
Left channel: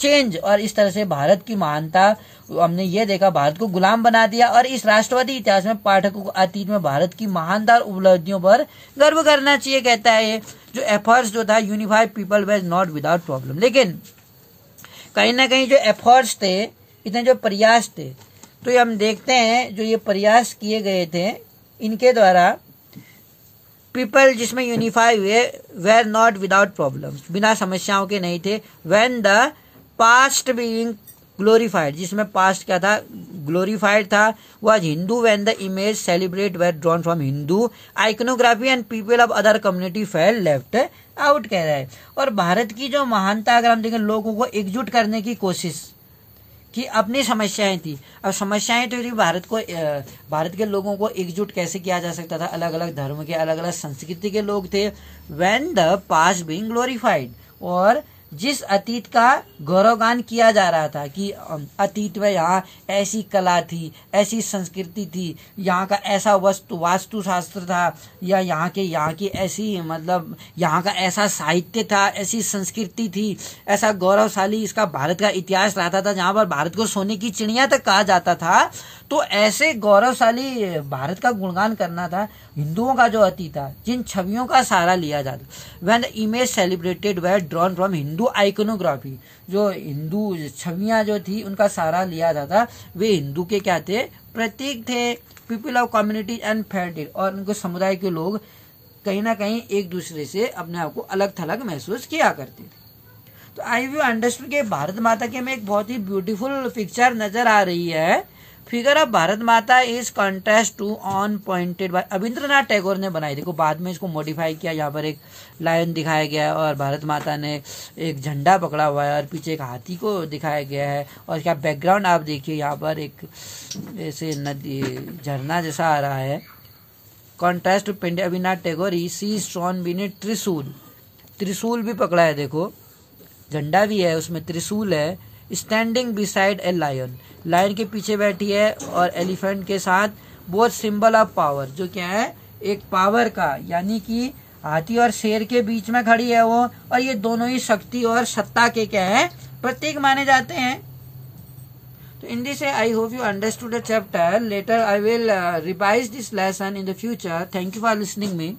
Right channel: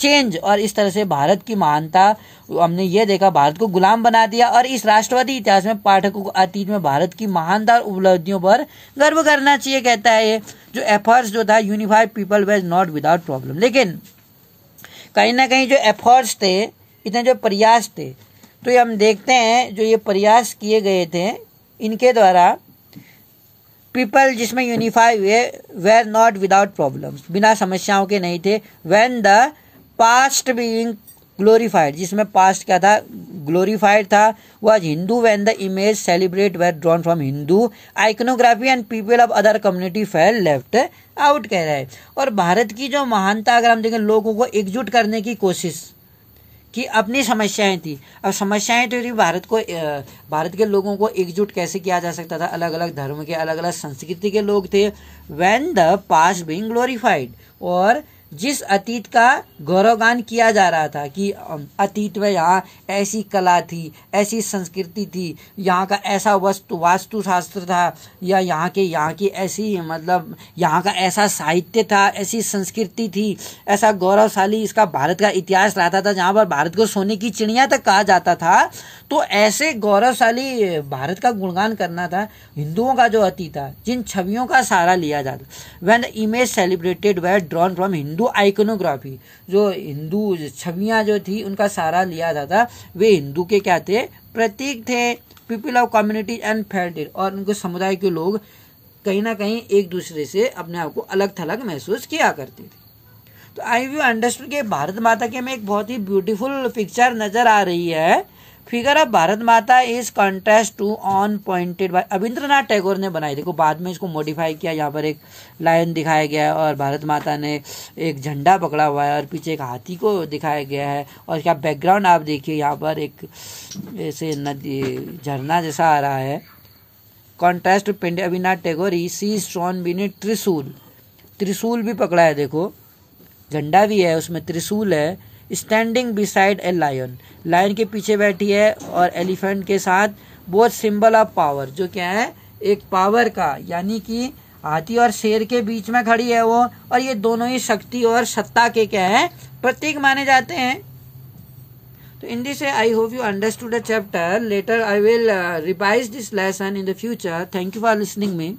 चेंज, और इस तरह से भारत की महानता हमने ये देखा, भारत को गुलाम बना दिया। और इस राष्ट्रवादी इतिहास में पाठकों को अतीत में भारत की महानदार उपलब्धियों पर गर्व करना चाहिए, कहता है। जो एफर्ट्स जो था unified people veg not without problem, लेकिन कहीं ना कहीं जो एफर्ट्स थे, इतने जो प्रयास थे, तो ये हम देखते हैं जो ये प्रयास किए गए थे इनके द्वारा पीपल जिसमें यूनिफाई हुए वेर नॉट विदाउट प्रॉब्लम्स, बिना समस्याओं के नहीं थे। When the past being glorified, जिसमें पास्ट क्या था, ग्लोरीफाइड था, was Hindu when the image celebrate were drawn from Hindu iconography and people of other community felt left out, कह रहा है। और भारत की जो महानता अगर हम देखें, लोगों को एकजुट करने की कोशिश कि अपनी समस्याएं थी। अब समस्याएं तो थी, भारत के लोगों को एकजुट कैसे किया जा सकता था, अलग अलग धर्म के, अलग अलग संस्कृति के लोग थे। When the past being glorified, और जिस अतीत का गौरवगान किया जा रहा था कि अतीत में यहाँ ऐसी कला थी, ऐसी संस्कृति थी, यहाँ का ऐसा वास्तुशास्त्र था, या यहाँ की ऐसी मतलब यहाँ का ऐसा साहित्य था, ऐसी संस्कृति थी, ऐसा गौरवशाली इसका भारत का इतिहास रहता था, जहाँ पर भारत को सोने की चिड़िया तक कहा जाता था। तो ऐसे गौरवशाली भारत का गुणगान करना था। हिंदुओं का जो अतीत था, जिन छवियों का सहारा लिया जाता, when image celebrated way drawn from Hindu iconography, जो हिंदू छवियां जो थी उनका सहारा लिया जाता, वे हिंदू के क्या थे, प्रतीक थे। People of community and felt it, और उनके समुदाय के लोग कहीं ना कहीं एक दूसरे से अपने आप को अलग थलग महसूस किया करते। तो आई यू अंडरस्टूड कि भारत माता के में एक बहुत ही ब्यूटीफुल पिक्चर नजर आ रही है। Figure of Bharat Mata is contrast to on pointed by Rabindranath Tagore ने बनाई। देखो बाद में इसको मॉडिफाई किया, यहाँ पर एक लायन दिखाया गया है और भारत माता ने एक झंडा पकड़ा हुआ है और पीछे एक हाथी को दिखाया गया है। और इसका बैकग्राउंड आप देखिए, यहाँ पर एक ऐसे नदी झरना जैसा आ रहा है। Contrast to Pandit Rabindranath Tagore see strong beneath trishul, त्रिशूल भी पकड़ा है, देखो झंडा भी है, उसमें त्रिशूल है। Standing beside a lion, lion के पीछे बैठी है, और एलिफेंट के साथ, बोथ सिंबल ऑफ पावर, जो क्या है एक पावर का, यानी कि हाथी और शेर के बीच में खड़ी है वो, और ये दोनों ही शक्ति और सत्ता के क्या है, प्रतीक माने जाते हैं। तो in this way, I hope you understood the chapter. Later I will revise this lesson in the future. Thank you for listening me.